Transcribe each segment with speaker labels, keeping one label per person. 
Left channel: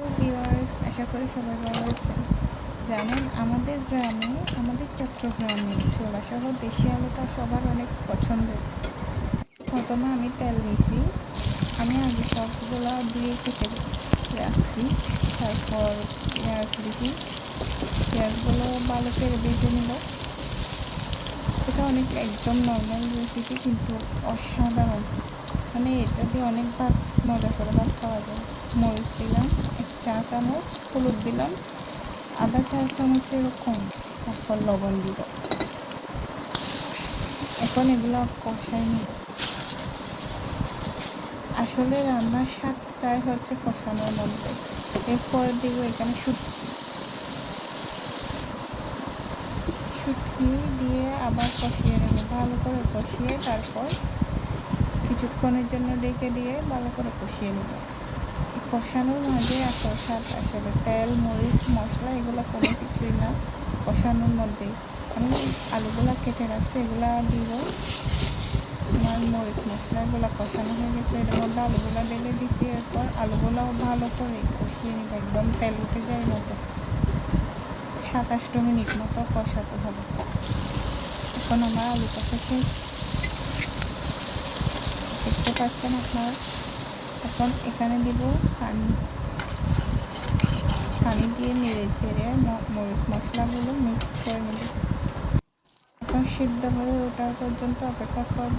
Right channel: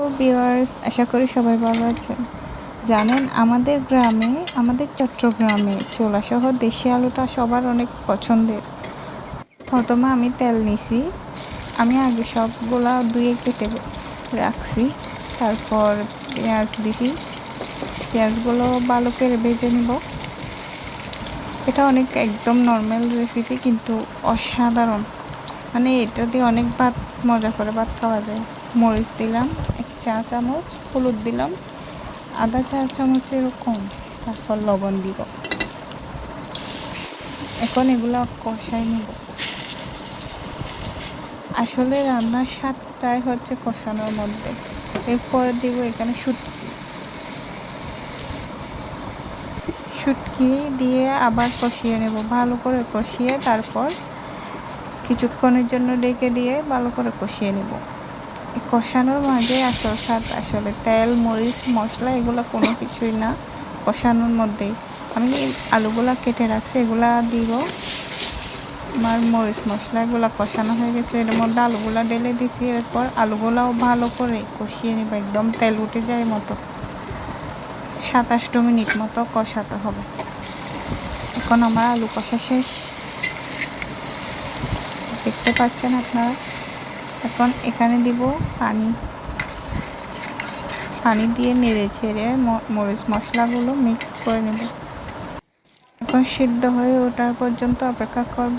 Speaker 1: Viewers আশা করি সবাই ভালো আছেন। জানেন, আমাদের গ্রামে, আমাদের চট্টগ্রামে চোলাসহ দেশি আলুটা সবার অনেক পছন্দের। প্রথমে আমি তেল নিছি। আমি আগে সবগুলা ধুয়ে কেটে রাখছি। তারপর পেঁয়াজ দিছি। পেঁয়াজগুলো ভালো করে ভেজে নিব। এটা অনেক একদম নর্মাল রেসিপি কিন্তু অসাধারণ। মানে এটা দিয়ে অনেক ভাত, মজা করে ভাত খাওয়া যায়। মরিচ দিলাম চা চামচ, হলুদ দিলাম আধা চা চামচ এরকম, তারপর লবণ দিব। এখন এগুলো কষাই নেব। আসলে রান্নার স্বাদটাই হচ্ছে কষানোর মধ্যে। এরপর দিব এখানে শুটকি। শুটকি দিয়ে আবার কষিয়ে নেব, ভালো করে কষিয়ে তারপর কিছুক্ষণের জন্য ডেকে দিয়ে ভালো করে কষিয়ে নেব। কষানোর মাঝে আসল স্বাদ আসলে তেল, মরিচ, মশলা এগুলো কোনো কিছুই না কষানোর মধ্যেই। আমি আলুগুলা কেটে রাখছি, এগুলা দিব। আমার মরিচ, মশলা এগুলো কষানো হয়ে গেছে। এর মধ্যে আলুগুলা ঢেলে দিছি, এরপর আলুগুলাও ভালো করে কষিয়ে নেব। একদম তেল উঠে যায় মতো। সাতাশটো মিনিট মতো কষাতে হবে। এখন আমার আলু কষা শেষ। দেখতে পাচ্ছেন আপনারা? এখন এখানে দিব পানি। পানি দিয়ে নেড়ে চেড়ে মরিচ মশলাগুলো মিক্স করে নেব। এখন সিদ্ধ হয়ে ওঠার পর্যন্ত অপেক্ষা করব।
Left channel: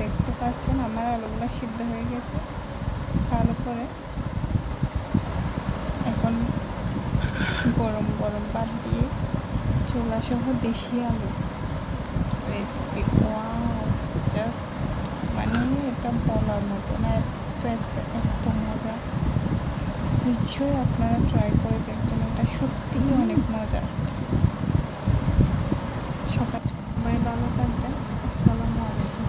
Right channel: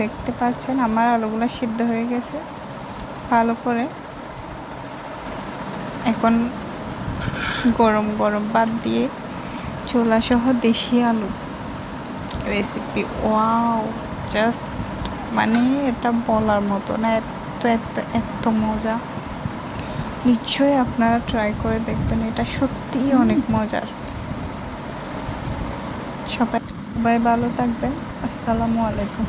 Speaker 1: দেখতে পাচ্ছেন আমার আলুগুলো সিদ্ধ হয়ে গেছে। ভালো করে এখন গরম গরম বাদ দিয়ে চোলা সহ দেশি আলু রেসিপি ওয়াও জাস্ট মানে এটা বলার মতো না এত এত এত মজা। নিশ্চয়ই আপনারা ট্রাই করে দেখবেন এটা সত্যিই অনেক মজার। সবাই সবাই ভালো থাকবেন। আসসালামু আলাইকুম।